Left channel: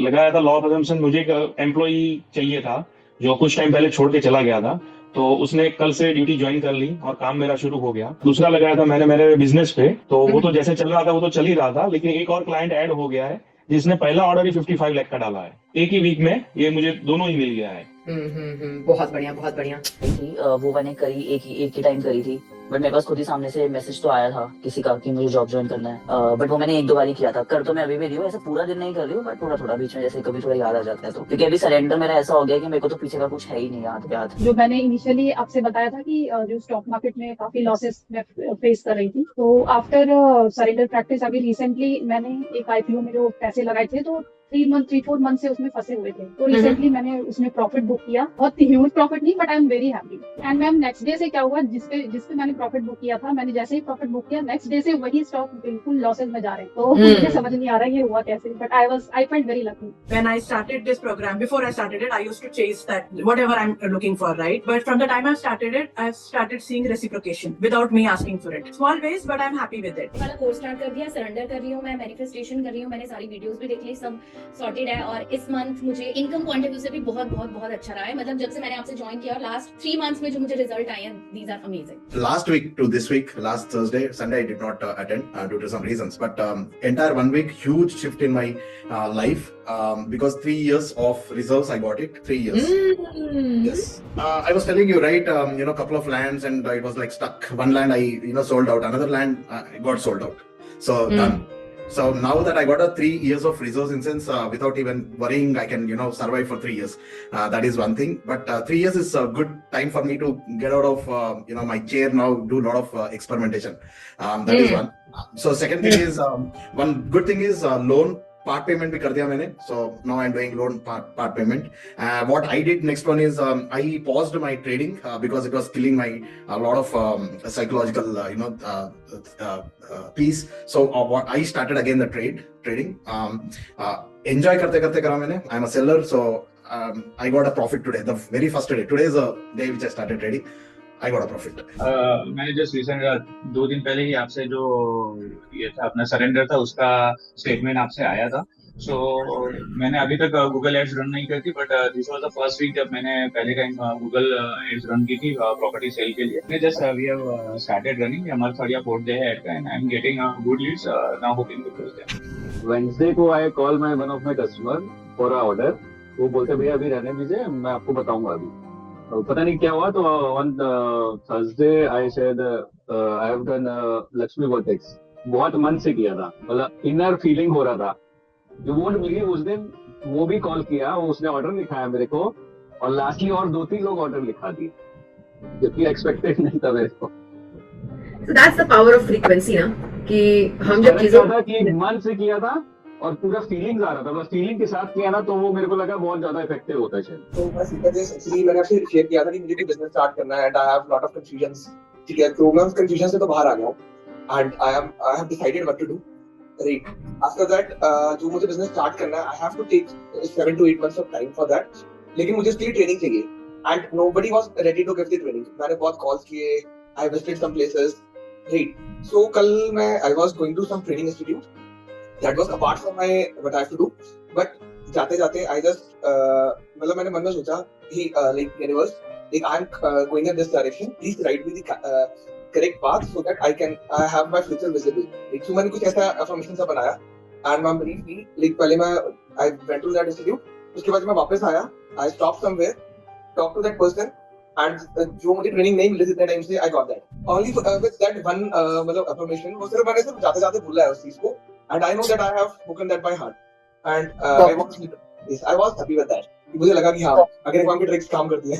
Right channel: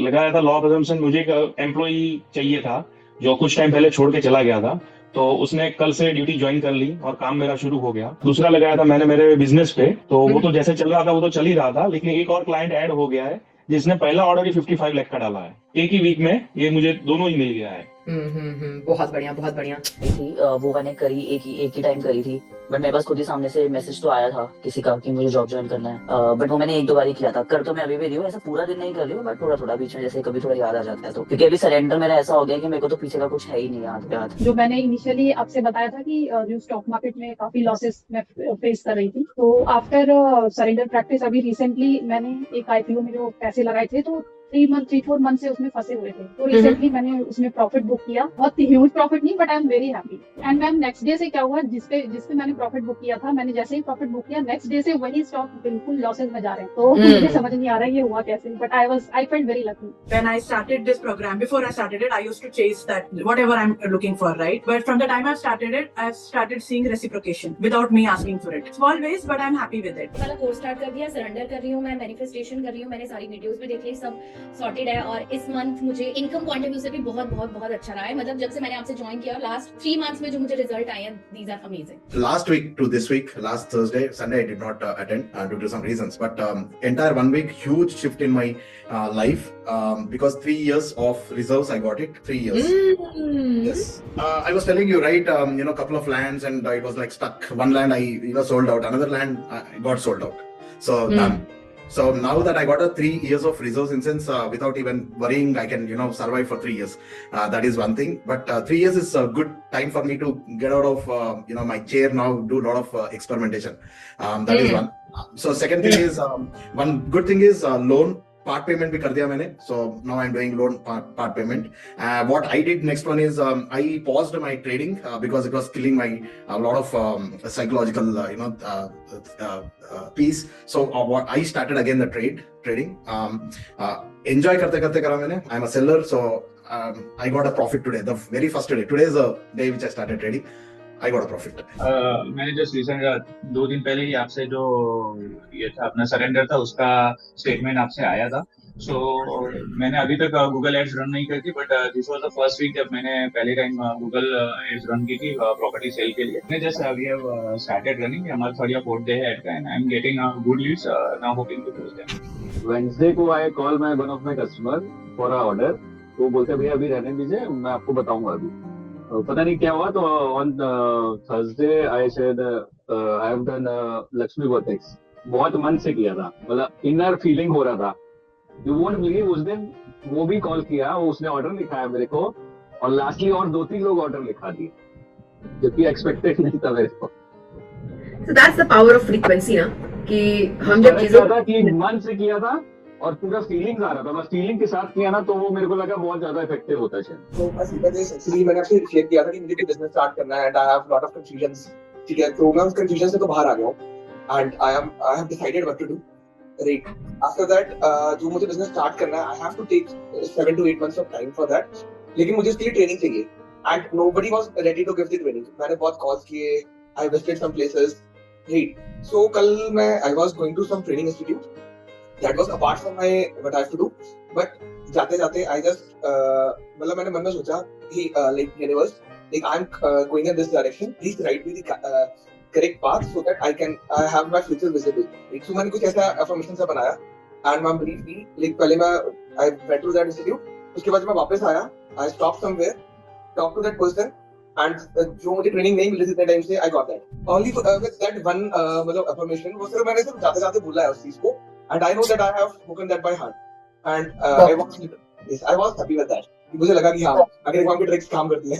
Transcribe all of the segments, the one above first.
लगाया था law of assumption. मुझे एक एम्प्लॉई चाहिए था जो कुछ टाइम पहले छोड़ के चला गया था, तो उसने कल से ड्यूटी ज्वाइन कर ली और काम मेरा शुरू हो गया। दूसरा लगाया था मैंने मेरे बिजनेस पे, तो वो तो जैसे चल रहा था वो तो चल ही रहा था, लेकिन एक और क्लाइंट ऐड हो गया है जिसने पहला ऑर्डर ही 55 लाख का डाला है एक ही वीक में। ये मुझे दोनों ही मिल गया है। बहुत बढ़िया, बहुत बढ़िया। थी वो मैंने करी एक ही टाइम करी थी, बट मेरे पास खुद ही सामने से मैसेज तो आया था किसी का कि मुझे जॉब ज्वाइन करना है, बट वो मैंने एक दो बार ही किया था। कर तो मैं अभी भी रही हूँ, ऐसा पूरा दिन नहीं कर रही हूँ, बट थोड़ा थोड़ा बीच में जैसे कभी थोड़ा याद आ जाता है तो, क्योंकि अभी सरेंडर मेरा ऐसा हो गया कि मेरे को तो पीछे का कुछ है ही नहीं हाथ पे हाथ। जो मैंने इनिशियली आपसे बताया था कि जो स्टॉक मार्केट में काफी लॉसेस मैं फेस कर रही थी, तो आफ्टर सरेंडर प्रैक्टिस अभी रिसेंटली मैंने एक आईपीओ में जो पैसे लगाए थे, तो 3 4 मंथ से उसमें फंसे हुए थे, तो रिसेंटली मैंने उसमें प्रॉफिट बुक किया। बहुत ह्यूज प्रॉफिट नहीं, but I am very happy. And ma'am next day से क्या हुआ, जिसपे मैंने प्रॉफिट बुक किया था, मैंने जैसे ही प्रॉफिट बुक किया नेक्स्ट डे से वही स्टॉक बिल्कुल लॉसेस में जा रहे हैं। तो मुझे समझ नहीं आ रहा है ये हुआ कैसे, but I felt very lucky. When I started this program, before I started it, I used to chase that whatever I'm looking for, right? But from the time I've started it, I've started seeing reciprocation without me asking for it. Small ways, but I'm happy with it. वाला course start कर दिया, surrender कर रही हूँ मैं, manifestation कर रही हूँ, मैंने सारी वीडियोस भी देख ली, सब सॉर्टेड है। और इस मंथ मुझे इनकम पॉइंट ऑफ व्यू से भी बहुत बहुत बहुत अच्छा रहा है। मतलब जब से मैंने आपसे ज्वाइन किया, लास्ट 3 मंथ्स में जो मुझे रिजल्ट आए हैं, these are amazing. Last week to this week, last Thursday, Sunday, I did not attend due to some reasons. But entire 1 week, huge shift in my life because 3 years of reserves, I got it. 3 years. Yes. I was telling you, right? Couple of lands, and I was like stuck. One land I sold out. Another land got sold out. So done. So now that I got a 3 years of reserves, in sense, without even worrying, I can survive for 3 years. That is one thing. But 3 years is a good time for me to get out of my chair now, do a lot of experimentation. That is one. So second thing is one good thing is loan part payment भी कर दिया मैंने. So now I'm doing loan part payment. What I did next one is I paused my trading because it was killing my a lot of psychological peace. So what I started again the trading. Enjoy करते करते करा मैंने. I'm a seller, so I got a profit today. The very first day. Today is the day which I started trading. I got a profit. मैंने just recent 2 दिन पहले ही आपसे जो ये था अपना सरेंडर था उसका स्टेटमेंट आपसे आया था। सो मैंने अभी तक गूगल एड्स रन नहीं करी थी, but this was the first week जब मैंने पहले टाइम गूगल एड्स रन की थी प्रॉपर्टी सेल के लिए। मैं just we have started running, हमारा 3rd या 4th डे है एड का, and I am getting good leads now, hoping to close them. Wednesday को I call my one of my customer for a order. वो बोलते भैया अभी रहने दीजिए, मैं आपको बताऊंगा अभी। पता नहीं क्या हुआ, तो on Thursday I said I have done Lakshmi vertex. बहुत मन से किया था, मतलब इनर फीलिंग हो रहा था। यू वोंट बिलीव, उस दिन वो भी कॉल किया, उसने ऑर्डर लिखाया मेरे को, और लास्टली और 2-3 लोग ऑर्डर लिखा दिए, जबकि एक्सपेक्टेड नहीं था मेरे को। So that's the power of frequency ना, कि हम जब चीजों था कि मन से किया था और पूरा फीलिंग्स आ रहा था, बस फीलिंग के साथ किया ना, तो वो मेरे को लगा बहुत ज्यादा इफेक्टिव होता है शायद। तो बस एक्चुअली मैंने आपसे शेयर किया था कि मुझे भी बिजनेस स्टार्ट करना है, and I have lot of confusions. ठीक है, तो मैं उस कंफ्यूजन से तो बाहर आ गया हूं, and I have decided what to do, right. After that जो मुझे बिजनेस स्टार्ट करना है, I have to take 7 to 8 months of time for that, लेकिन मुझे उसके लिए ट्रेनिंग चाहिए, and nobody was ready to give the training. मैंने बहुत कॉल्स किए, I visited some places, right. So कल मैं I was going to some training institute that was apart from my what I have to do, but जाते जाते I just मतलब मैंने मन में सोचा कि like universe, like I'm going in this direction, please write me the correct path so that I have my future visible. like so मैंने कुछ ऐसा affirmation सा बनाया, and मैं believe me, like पहले मैं I went to that institute, उसके बाद मैं वापस आया, I stopped somewhere, talked to that person, and जो मुझे ट्रेनिंग नहीं मिली थी उतने टाइम से, I got that only with that one मतलब affirmation। वो सिर्फ मैंने सिर्फ जाते जाते बोला है उस चीज को, and I know that I have spoken that by heart, and I was happy with that। मुझे लगा कि हाँ, अगर काम की ट्रिक्स काम करती है।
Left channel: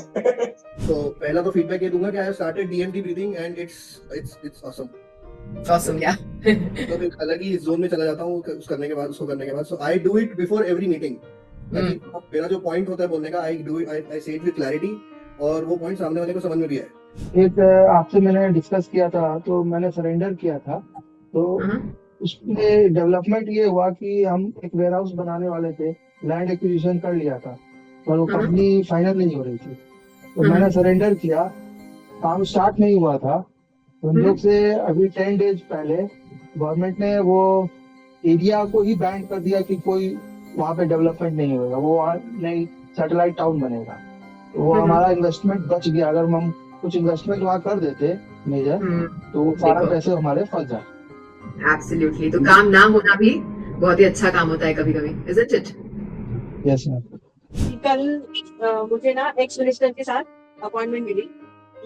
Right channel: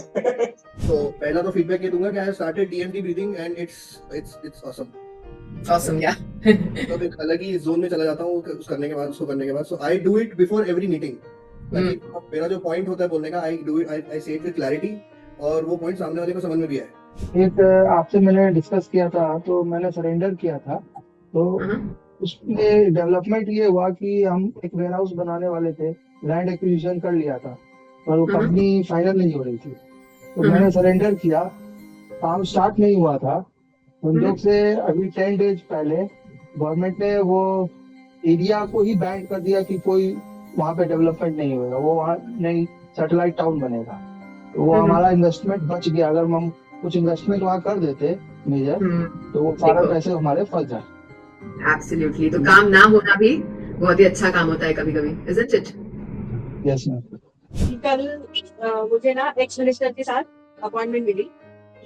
तो पहला तो फीडबैक ये दूंगा कि I have started DMT breathing and it's awesome या तो मैं अलग ही जोन में चला जाता हूँ उसको करने के बाद। So I do it before every meeting. मेरा जो पॉइंट होता है बोलने का, आई डू इट, आई से इट विद क्लैरिटी, और वो पॉइंट सामने वाले को समझ में भी आए। एक आपसे मैंने डिस्कस किया था, तो मैंने सरेंडर किया था, तो उसमें डेवलपमेंट ये हुआ कि हम एक वेयर हाउस बनाने वाले थे, लैंड एक्विजिशन कर लिया था, पर वो कंपनी फाइनल नहीं हो रही थी, तो मैंने सरेंडर किया। काम स्टार्ट नहीं हुआ था, संजोग से अभी 10 डेज पहले गवर्नमेंट ने वो एरिया को ही बैन कर दिया कि कोई वहाँ पे डेवलपमेंट नहीं होगा, वो वहाँ नहीं सैटेलाइट टाउन बनेगा, तो वो हमारा इन्वेस्टमेंट बच गया। अगर हम कुछ इन्वेस्टमेंट वहाँ कर देते मेजर, तो वो सारा देखो। पैसे हमारे फंस जाए। एब्सोल्युटली, तो काम ना होना भी बहुत ही अच्छा काम होता है कभी कभी, इजंट इट? Yes ma'am. कल मुझे ना एक्स मिनिस्टर के साथ अपॉइंटमेंट मिली।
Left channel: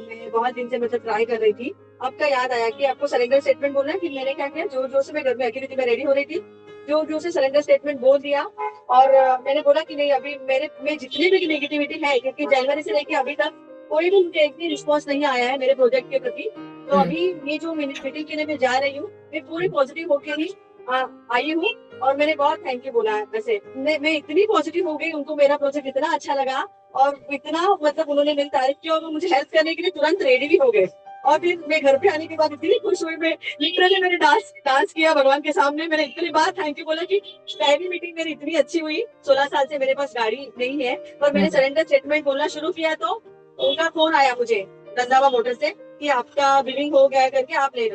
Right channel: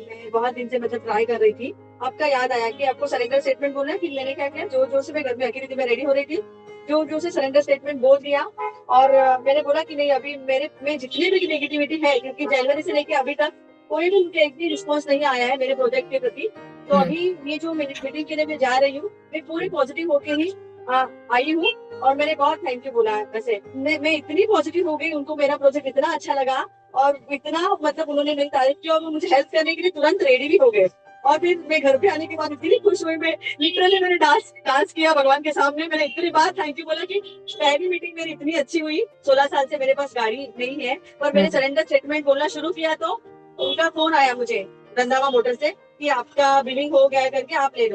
मैं बहुत दिन से मतलब ट्राई कर रही थी। आपका याद आया कि आपको सरेंडर स्टेटमेंट बोलना है, फिर मैंने क्या किया, जो से मैं घर पे अकेली थी, मैं रेडी हो रही थी, जो से सरेंडर स्टेटमेंट बोल दिया। और मैंने बोला कि नहीं, अभी मेरे में जितनी भी नेगेटिविटी है, क्योंकि जनवरी से लेके अभी तक कोई भी मुझे एक भी रिस्पॉन्स नहीं आया है मेरे प्रोजेक्ट के प्रति, तो अभी ये जो मीटिंग के लिए मैं जा रही हूँ, मैं पूरी पॉजिटिव होके ही आई हूँ। और मैंने बहुत थैंक यू बोला। वैसे मैं इतनी पॉजिटिव हो गई, उनको मेरा प्रोजेक्ट इतना अच्छा लगा और इतना मतलब उन्होंने मेरी तारीफ की और वो मुझे हेल्प करने के लिए तुरंत रेडी भी हो गए। और फिर मैं घर पे आने के बाद इतनी खुश हुई, मैं लिटरली मैंने डांस किया भगवान के सामने। मैंने इतनी बार थैंक यू बोला कि पहली मीटिंग मेरी इतनी अच्छी हुई। 16 साल से मेरे पास गाड़ी नहीं है, पर मैंने सरेंडर स्टेटमेंट बोलना शुरू किया तो उनका फोन आया मुझे रंधावा मोटर से कि आपका बिलिंग हो गया करके, आप ले लो।